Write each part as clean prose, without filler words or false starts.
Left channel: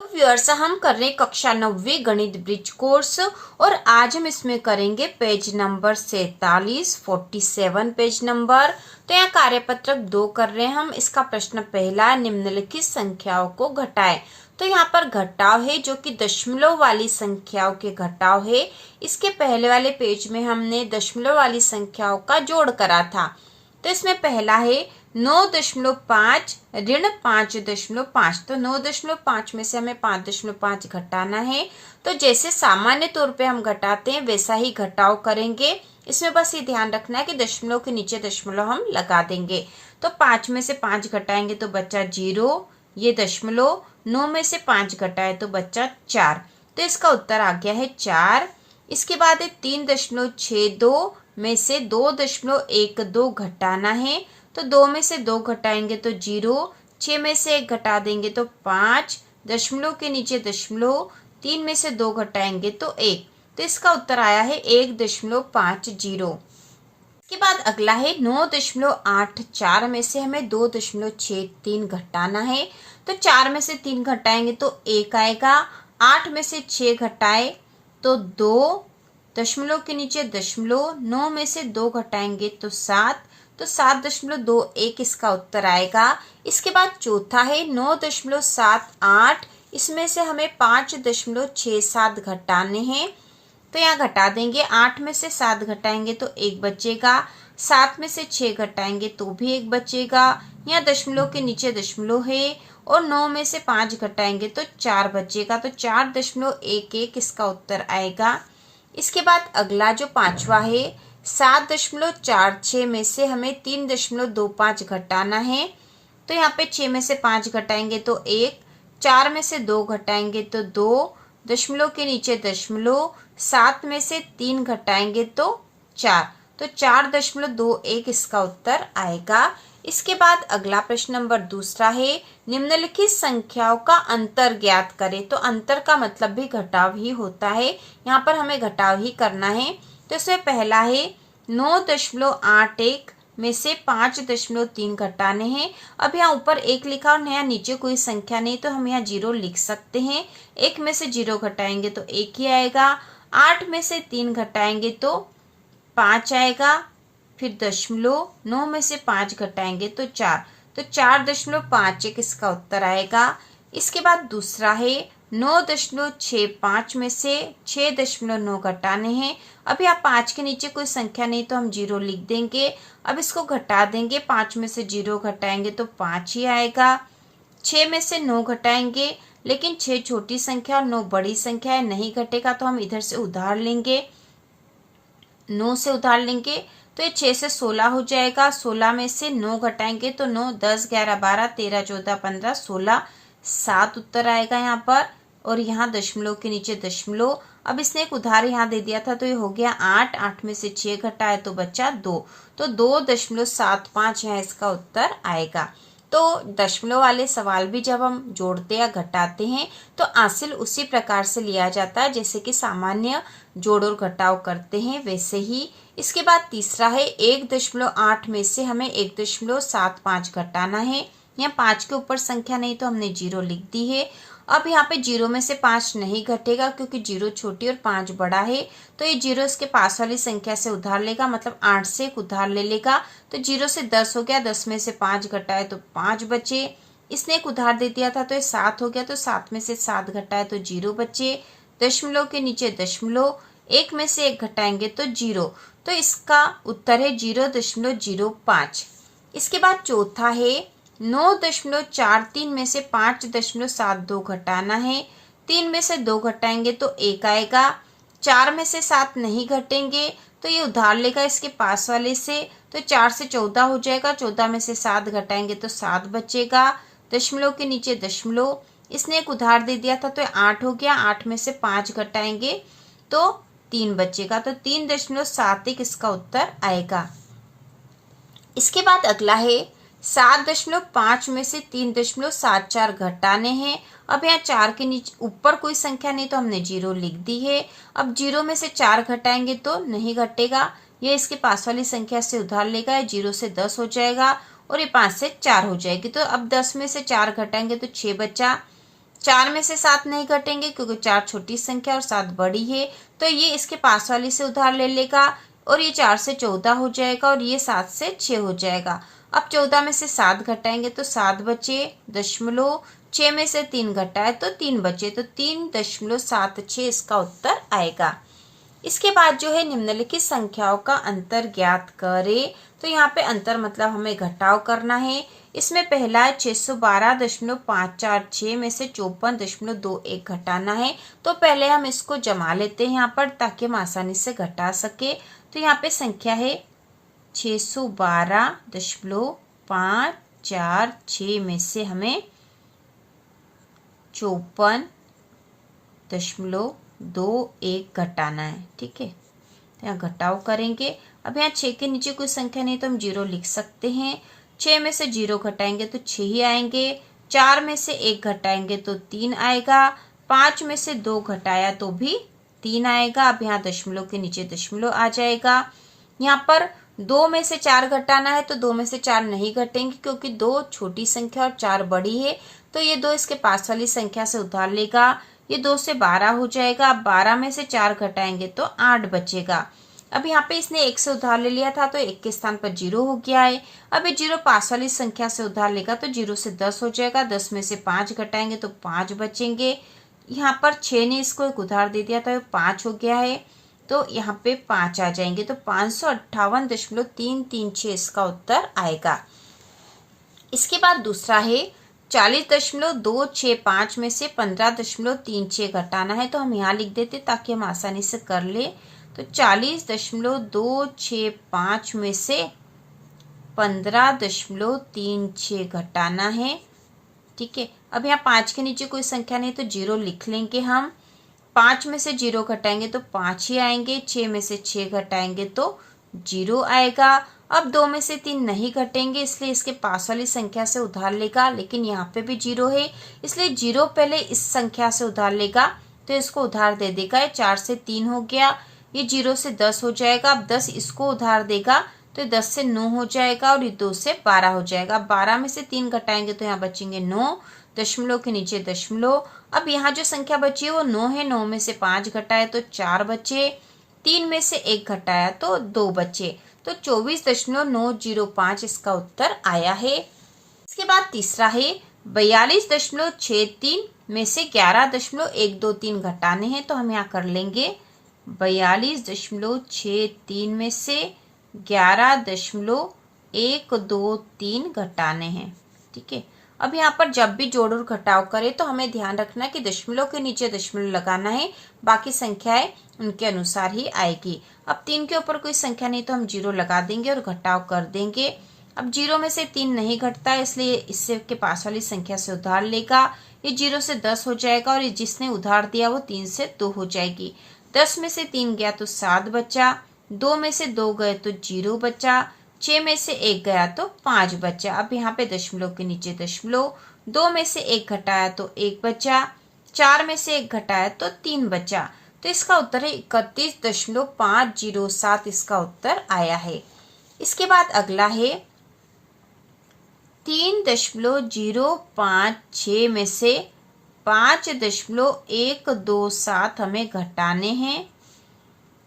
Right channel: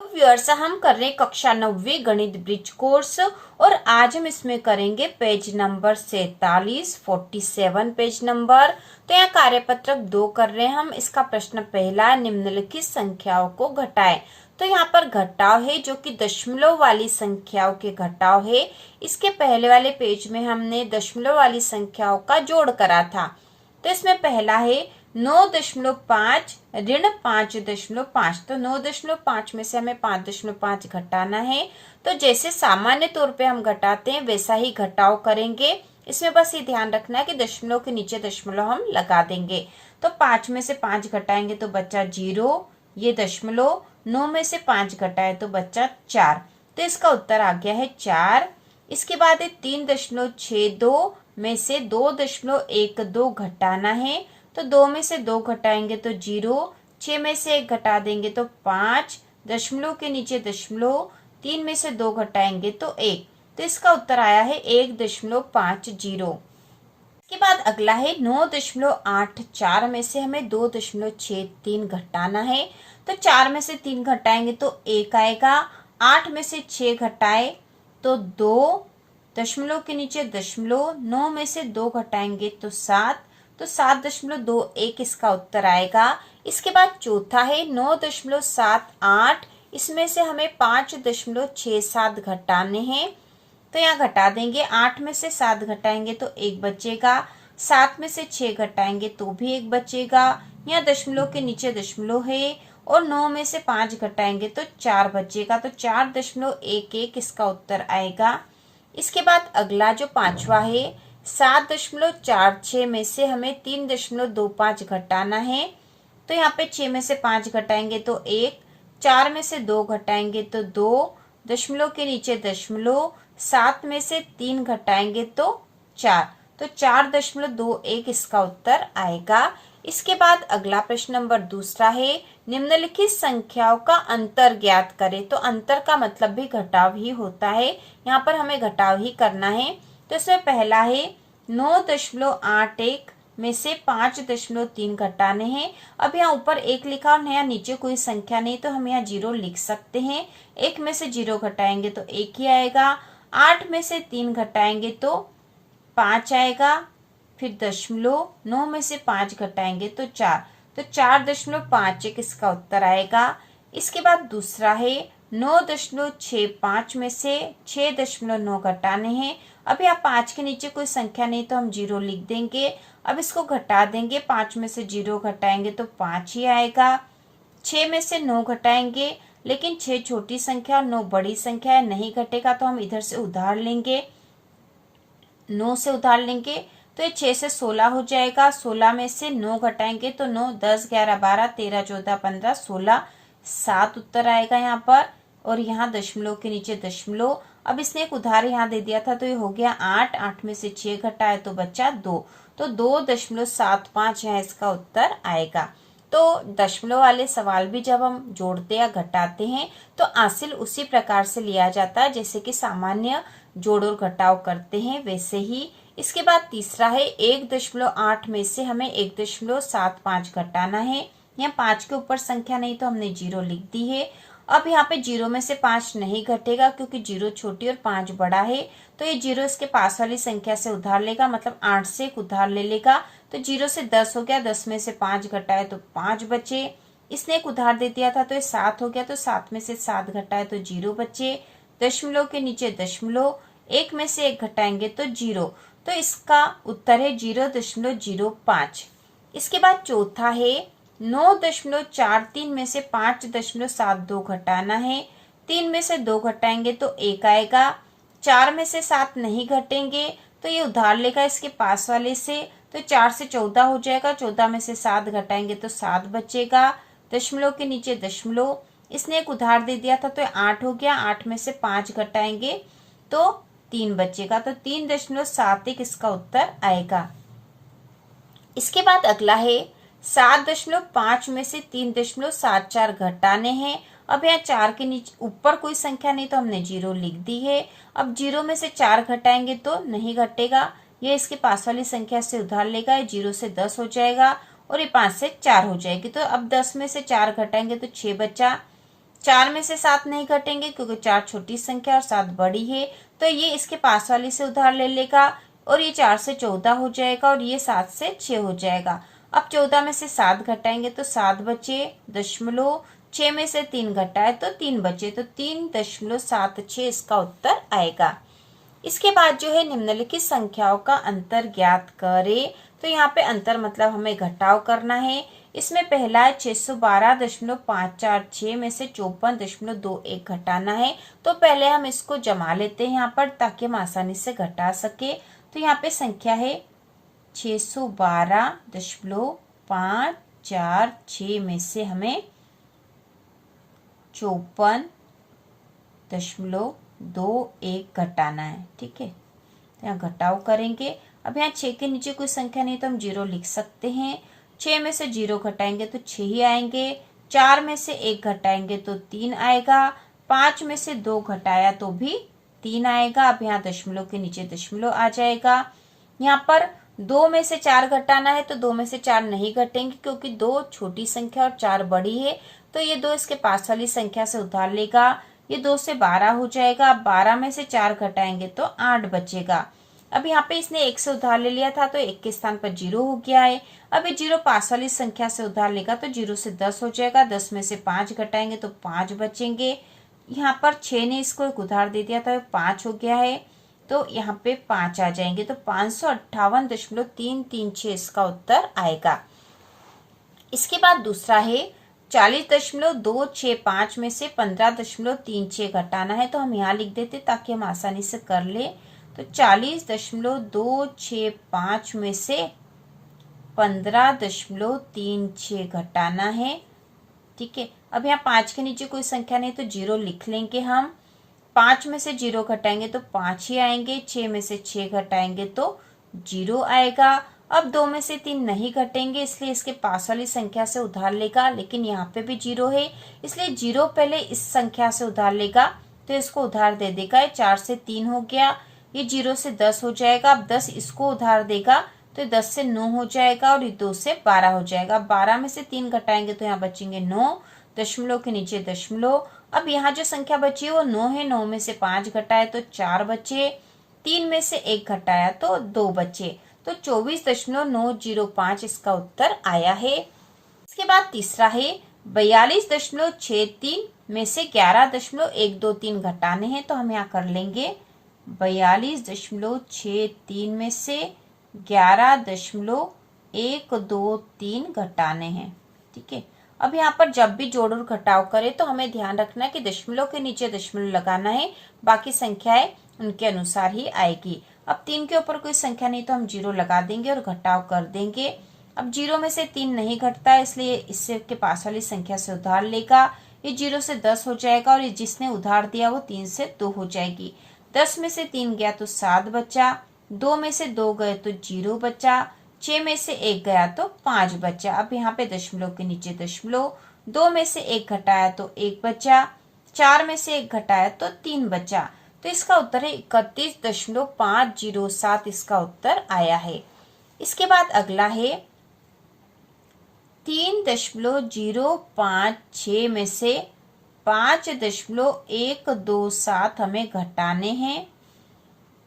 Viewers, हम कर रहे हैं कक्षा 9वीं गणित ब्रिज कोर्स और आज हम इसमें करेंगे पेज नंबर 47 पेज नंबर। तो यहाँ कार्यपत्रक 2 कर रहे हैं हम। इसका प्रश्न पहला, निम्नलिखित संख्याओं को घटाएं। तो यहाँ पर घटाव है जो कि दशमलव वाली संख्याओं के घटाव है। इसके पहले वाले पेज में हमने दशमलव वाली संख्याओं का जोड़ करा था। तो इसमें पहला है 9.5 ऋण 5.5। तो 9.5 में से हमें 5.5 घटाना है। तो जैसे सामान्य तौर पे हम घटाते हैं वैसा ही घटाव करेंगे। इसमें बस ये ध्यान रखना है कि दशमलव के नीचे दशमलव हम लगा देंगे। तो 5 में से 5 घटाएंगे तो बच्चा 0, ये दशमलव। 9 में से 5 घटाए तो बच्चा 4। तो इसका उत्तर आ गया है 4। इसके बाद है 3.62 में से 2.12 घटाना है। तो 2 में से 2 घटाएंगे तो 0, 6 में से 1 घटा देंगे तो 5, दशमलव के नीचे दशमलव, 3 में से 2 घटाएंगे तो 1। तो इसका उत्तर आया है 1.50। इसके बाद अगला है 9.84 में से हमें 2.63 घटाना है। तो 4 में से 3 घटाएंगे तो 1 आएगा। 8 में से 6 घटाए तो 2, दशमलव के नीचे दशमलव, 9 में से 2 घटाएंगे तो 7। तो 7.21 इसका उत्तर आएगा। इसके बाद चौथा है 9.78। इसमें से हमें 5.67 घटाने हैं। तो यहाँ घटा देंगे। 8 में से 7 घटाएंगे तो 1 बचेगा। 7 में से 6 घटाएंगे तो भी 1 बचेगा। यहाँ दशमलव के नीचे दशमलव है और 9 में से 5 घटाएंगे तो 4 बचेगा। तो 4.11 इसका उत्तर आएगा। इसके बाद अगला जो पांचवा है 7.46 में से हमें 3.25 घटाना है। तो यहाँ पे 6 में से 5 घटाएंगे तो 1, 4 में से 2 घटाएंगे तो 2, दशमलव के नीचे दशमलव, 7 में से 3 घटाएंगे तो 4। तो 4.21 इसका उत्तर आएगा। इसके बाद अगला प्रश्न नंबर दूसरा है, निम्नलिखित संख्याओं का अंतर ज्ञात करें। तो अंतर का मतलब भी घटाव ही होता है। यहाँ पर हमें घटाव ही करना है। तो इसमें पहला है 9.81 में से 5.3 घटाने हैं। अब यहाँ ऊपर 1 लिखा और नया नीचे कोई संख्या नहीं तो हम यहाँ 0 लिख सकते हैं। 1 में से 0 घटाएंगे तो 1 ही आएगा। 8 में से 3 घटाएंगे तो 5 आएगा। फिर दशमलव, 9 में से 5 घटाएंगे तो 4। तो 4.51 इसका उत्तर आएगा। इसके बाद दूसरा है 9.65 में से 6.9 घटाने हैं। अब यहाँ 5 के नीचे कोई संख्या नहीं तो हम 0 लिख देंगे। अब इसको घटा देंगे। 5 में से 0 घटाएंगे तो 5 ही आएगा। 6 में से 9 घटाएंगे, लेकिन 6 छोटी संख्या और 9 बड़ी संख्या है, नहीं घटेगा तो हम इधर से उधार लेंगे, 9 से उधार लेंगे। तो ये 6 से 16 हो जाएगा। 16 में से 9 घटाएंगे तो 9, 10, 11, 12, 13, 14, 15, 16, 7 उत्तर आएगा यहाँ पर। और यहाँ दशमलव के नीचे दशमलव। अब इसने एक उधार यहाँ दे दिया था तो ये हो गया 8। 8 में से 6 घटाए तो बचा 2। तो 2.75 यहाँ इसका उत्तर आएगा। तो दशमलव वाले सवाल भी जब हम जोड़ते या घटाते हैं तो हासिल उसी प्रकार से लिया जाता है जैसे कि सामान्य जोड़ और घटाव करते हैं वैसे ही। इसके बाद तीसरा है 1.8 में से हमें 1.75 घटाना है। यहाँ 5 के ऊपर संख्या नहीं तो हमने 0 लिख दी है। अब यहाँ पे 0 में से 5 नहीं घटेगा क्योंकि 0 छोटी और 5 बड़ा है। तो ये 0 इसके पास वाली संख्या से उधार लेगा, मतलब 8 से एक उधार ले लेगा। तो 0 से 10 हो गया। 10 में से 5 घटाए तो 5 बचे। इसने एक उधार दे दिया था तो ये 7 हो गया। तो 7 में से 7 घटाए तो 0 बचे। दशमलव के नीचे दशमलव, 1 में से 1 घटाएंगे तो 0। तो इसका उत्तर है 0.05। इसके बाद चौथा है 9.43 में से 5.72 घटाना है। 3 में से 2 घटाएंगे तो 1 आएगा। 4 में से 7 नहीं घटेंगे तो ये उधार लेगा इसके पास वाले से। तो 4 से 14 हो जाएगा। 14 में से 7 घटाएंगे तो 7 बचेगा। दशमलव के नीचे दशमलव, इसने एक उधार दे दिया था तो 8 हो गया। 8 में से 5 घटाएंगे तो 3 बचेगा। तो 3.71 इसका उत्तर आएगा। इसके बाद अगला है 7.5 में से 3.74 घटाने हैं। अब यहाँ 4 के नीचे ऊपर कोई संख्या नहीं तो हमने 0 लिख दी है। अब 0 में से 4 घटाएंगे तो नहीं घटेगा, यह इसके पास वाली संख्या से उधार लेगा। 0 से 10 हो जाएगा और ये 5 से 4 हो जाएगी। तो अब 10 में से 4 घटाएंगे तो 6 बचा। 4 में से 7 नहीं घटेंगे क्योंकि 4 छोटी संख्या और 7 बड़ी है, तो ये इसके पास वाली से उधार ले लेगा और ये 4 से 14 हो जाएगा और ये 7 से 6 हो जाएगा। अब 14 में से 7 घटाएंगे तो 7 बचे, दशमलव 6 में से 3 घटाए तो 3 बचे, तो 3.76 इसका उत्तर आएगा। इसके बाद जो है निम्नलिखित संख्याओं का अंतर ज्ञात करें। तो यहाँ पे अंतर मतलब हमें घटाव करना है। इसमें पहला है 612.546 में से 54.21 घटाना है। तो पहले हम इसको जमा लेते हैं यहाँ पर ताकि हम आसानी से घटा सके। तो यहाँ पे संख्या है 612.546 में से हमें 54.21 घटाना है। ठीक है, तो यहाँ घटाव करेंगे। अब यहाँ 6 के नीचे कोई संख्या नहीं तो हम 0 लिख सकते हैं। 6 में से 0 घटाएंगे तो 6 ही आएंगे। 4 में से 1 घटाएंगे तो 3 आएगा। 5 में से 2 घटाया तो भी 3 आएगा। अब यहाँ दशमलव के नीचे दशमलव आ जाएगा। यहाँ पर 2 में से 4 घटाना है तो 2 में से 4 नहीं घटेंगे क्योंकि 2 छोटी संख्या और 4 बड़ी है, तो ये 2 इसके पास वाली संख्या से उधार लेगा। ये 2 से 12 हो जाएगा। अब 12 में से 4 घटाएंगे तो 8 बचेगा। अब यहाँ पे इसने 1 से उधार ले लिया था तो 1 के स्थान पर 0 हो गया है। अब ये 0 पास वाली संख्या से उधार लेगा तो 0 से 10 हो जाएगा। 10 में से 5 घटाएंगे तो 5 बचेंगे। यहाँ पर 6 ने इसको एक उधार दे दिया था, 5 हो गया है, तो यहाँ पे 5 आ जाएंगे। तो 558.336 इसका उत्तर आएगा। इसके बाद दूसरा है 40.265 में से 15.36 घटाना है। तो हम यहाँ लिख देते ताकि हम आसानी से कर ले। तो 40.265 में से 15.36 घटाना है। ठीक है, अब यहाँ 5 के नीचे कोई संख्या नहीं तो 0 लिख लेंगे हम। 5 में से 0 घटाएंगे तो 5 ही आएंगे। 6 में से 6 घटाएंगे तो 0 आएगा। अब 2 में से 3 नहीं घटेंगे इसलिए इसके पास वाली संख्या से उधार लेगा, लेकिन यहाँ पे भी 0 है इसलिए 0 पहले इस संख्या से उधार लेगा तो इसको उधार दे देगा। 4 से 3 हो गया, ये 0 से 10 हो जाएगा। अब 10 इसको उधार देगा तो 10 से 9 हो जाएगा और ये 2 से 12 हो जाएगा। 12 में से 3 घटाएंगे तो यहाँ बचेंगे 9, दशमलव के नीचे दशमलव। अब यहाँ जो संख्या बची है वो 9 है। 9 में से 5 घटाए तो 4 बचे। 3 में से 1 घटाया तो 2 बचे, तो 24.905 इसका उत्तर आया है। इसके बाद तीसरा है 42.63 में से 11.123 घटाने हैं। तो हम यहाँ कर लेंगे 42.63 में से 11.123 घटाने हैं। ठीक है, अब यहाँ पर जब भी जोड़ और घटाव करें तो हमें ध्यान रखना है कि दशमलव के नीचे दशमलव लगाना है, बाकी संख्याएं उनके अनुसार ही आएगी। अब 3 के ऊपर कोई संख्या नहीं तो हम 0 लगा देंगे और घटाव कर देंगे। अब 0 में से 3 नहीं घटता है इसलिए इससे के पास वाली संख्या से उधार लेगा। ये 0 से 10 हो जाएगा और ये जिसने उधार दिया वो 3 से 2 हो जाएगी। 10 में से 3 गया तो 7 बचा। 2 में से 2 गए तो 0 बचा। 6 में से 1 गया तो 5 बचा। अब यहाँ पे दशमलव के नीचे दशमलव। 2 में से 1 घटाया तो 1 बचा। 4 में से 1 घटाया तो 3 बचा। तो इसका उत्तर है 31.507 इसका उत्तर आया है। इसके बाद अगला है 3.056 में से 5.127 हमें घटाने हैं।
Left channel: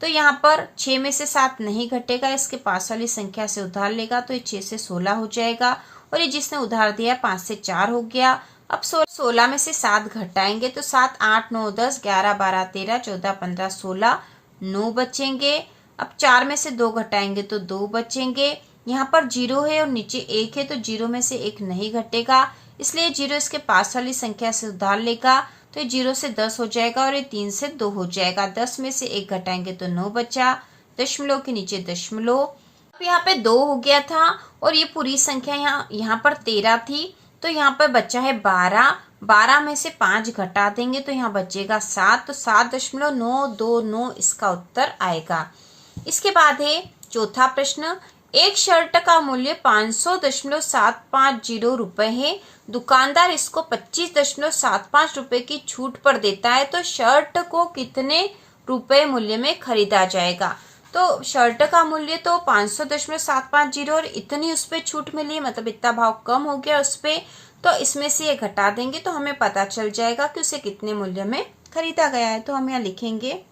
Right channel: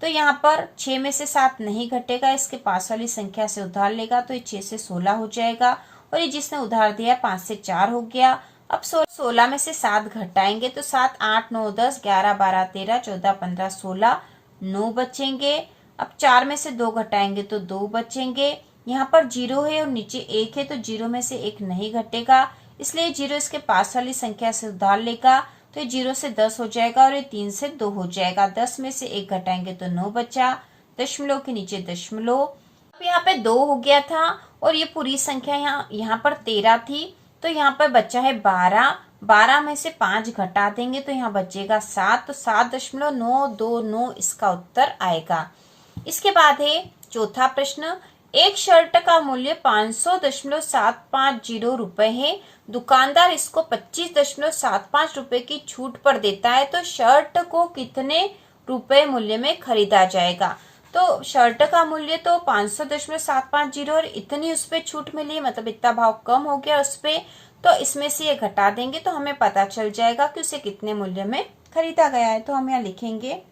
तो यहाँ पर 6 में से 7 नहीं घटेगा, इसके पास वाली संख्या से उधार लेगा तो ये 6 से 16 हो जाएगा और ये जिसने उधार दिया 5 से 4 हो गया। अब 16 में से 7 घटाएंगे तो 7, 8, 9, 10, 11, 12, 13, 14, 15, 16, 9 बचेंगे। अब 4 में से 2 घटाएंगे तो 2 बचेंगे। यहाँ पर 0 है और नीचे 1 है तो 0 में से 1 नहीं घटेगा इसलिए 0 इसके पास वाली संख्या से उधार लेगा तो ये 0 से 10 हो जाएगा और ये 3 से 2 हो जाएगा। 10 में से 1 घटाएंगे तो 9 बचा, दशमलव के नीचे दशमलव। अब यहाँ पे 2 हो गया था और ये पूरी संख्या यहाँ पर 13 थी तो यहाँ पर बचा है 12। 12 में से 5 घटा देंगे तो यहाँ बचेगा 7, तो 7.929 इसका उत्तर आएगा। इसके बाद है चौथा प्रश्न। एक शर्ट का मूल्य 500.750 रुपए है। दुकानदार इसको 25.75 रुपए की छूट पर देता है, तो शर्ट को कितने रुपए मूल्य में खरीदा जाएगा? तो शर्ट का मूल्य तो 500.750 और इतनी उस पर छूट मिली, मतलब इतना भाव कम हो गया उस पे, तो इसमें से ये घटा देंगे तो हमें पता चल जाएगा कि उसे कितने मूल्य में खरीदा गया है। तो हम यहाँ लिखेंगे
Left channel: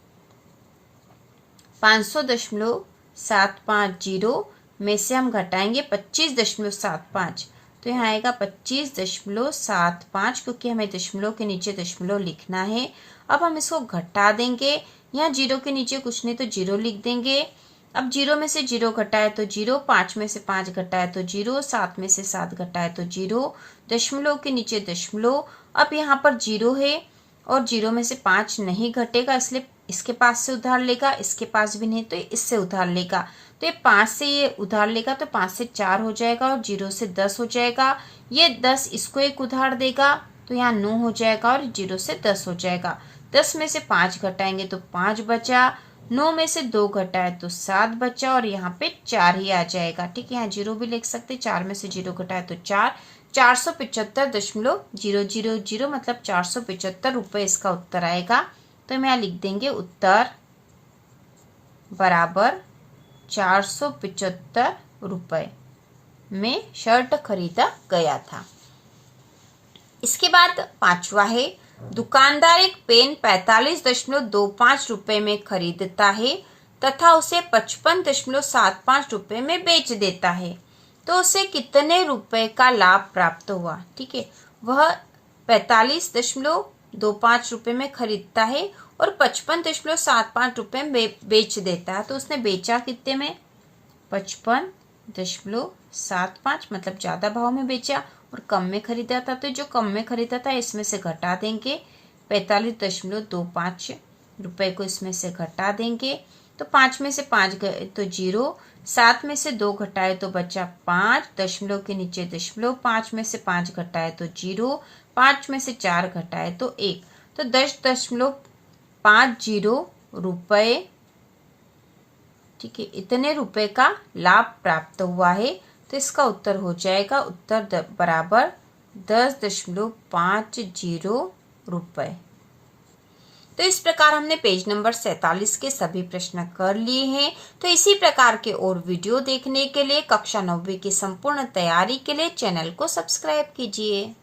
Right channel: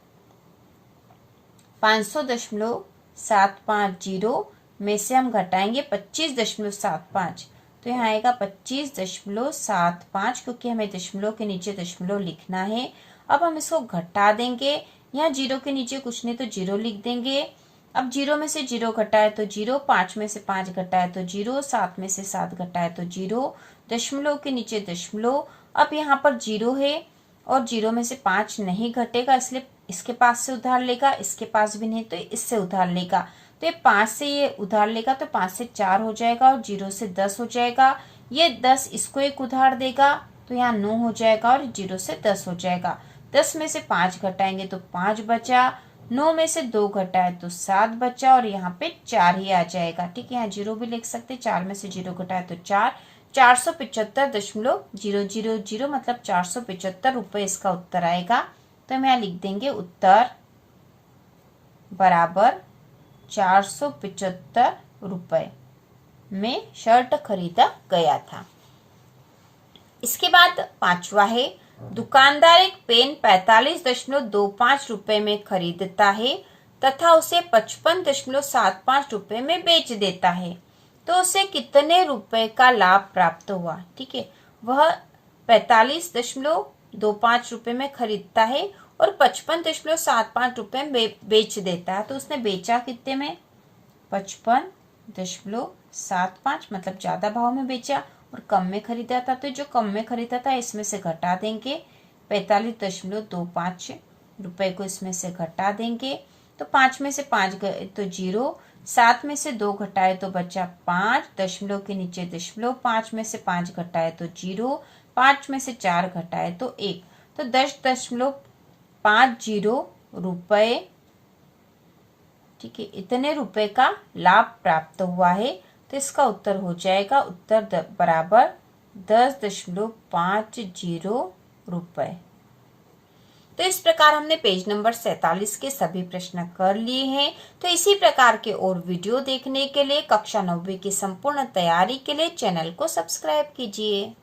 500.750 में से हम घटाएंगे 25.75, तो यहाँ आएगा 25.75, क्योंकि हमें दशमलव के नीचे दशमलव लिखना है। अब हम इसको घटा देंगे, यहाँ जीरो के नीचे कुछ नहीं तो जीरो लिख देंगे। अब जीरो में से जीरो घटाए तो जीरो, 5 में से 5 घटाए तो जीरो, 7 में से 7 घटाए तो जीरो, दशमलव के नीचे दशमलव। अब यहाँ पर जीरो है और जीरो में से 5 नहीं घटेगा, इसलिए इसके पास से उधार लेगा, इसके पास भी नहीं तो इससे उधार लेगा। तो ये 5 से ये उधार लेगा तो 5 से 4 हो जाएगा और 0 से 10 हो जाएगा। ये 10 इसको एक उधार देगा तो यहाँ 9 हो जाएगा और 0 से 10 हो जाएगा। 10 में से 5 घटाएंगे तो 5 बचा, 9 में से 2 घटाए तो 7 बचा और यहाँ पे 4 ही आ जाएगा। ठीक है, यहाँ 0 भी लिख सकते, 4 में से 0 घटाए तो 4, 475.000 मतलब 475 रुपए इसका उत्तर आएगा। तो हम यहाँ लिख देंगे उत्तर बराबर 475 रुपए में शर्ट खरीदा गया था। इसके बाद पांचवा है, दुकानदार एक पेन 45.25 रुपए में खरीदता है तथा उसे 55.75 रुपए में बेच देता है, तो उसे कितने रुपए का लाभ प्राप्त हुआ। ठीक है, वह 45.25 रुपए में खरीदता है और 55.75 रुपए में बेच देता है, तो उसने बेचा कितने में, 55.75, मतलब ज्यादा भाव में बेचा और कम में खरीदा था। तो जो कम में खरीदा था इसमें से घटा देंगे, 45.25 रुपए को इसमें से घटा देंगे तो 5 में से 5 गए तो 0, 7 में से 2 घटाए तो बचा 5, दशमलव के नीचे दशमलव, 5 में से 5 घटाए तो 0, 5 में से 4 घटाए तो 1, तो 10.50 रुपए। ठीक है, इतने रुपए का लाभ प्राप्त हुआ है, तो इसका उत्तर हो जाएगा उत्तर बराबर 10.50 रुपए। तो इस प्रकार हमने पेज नंबर 47 के सभी प्रश्न कर लिए हैं। तो इसी प्रकार के और वीडियो देखने के लिए कक्षा 9वीं की संपूर्ण तैयारी के लिए चैनल को सब्सक्राइब कीजिए।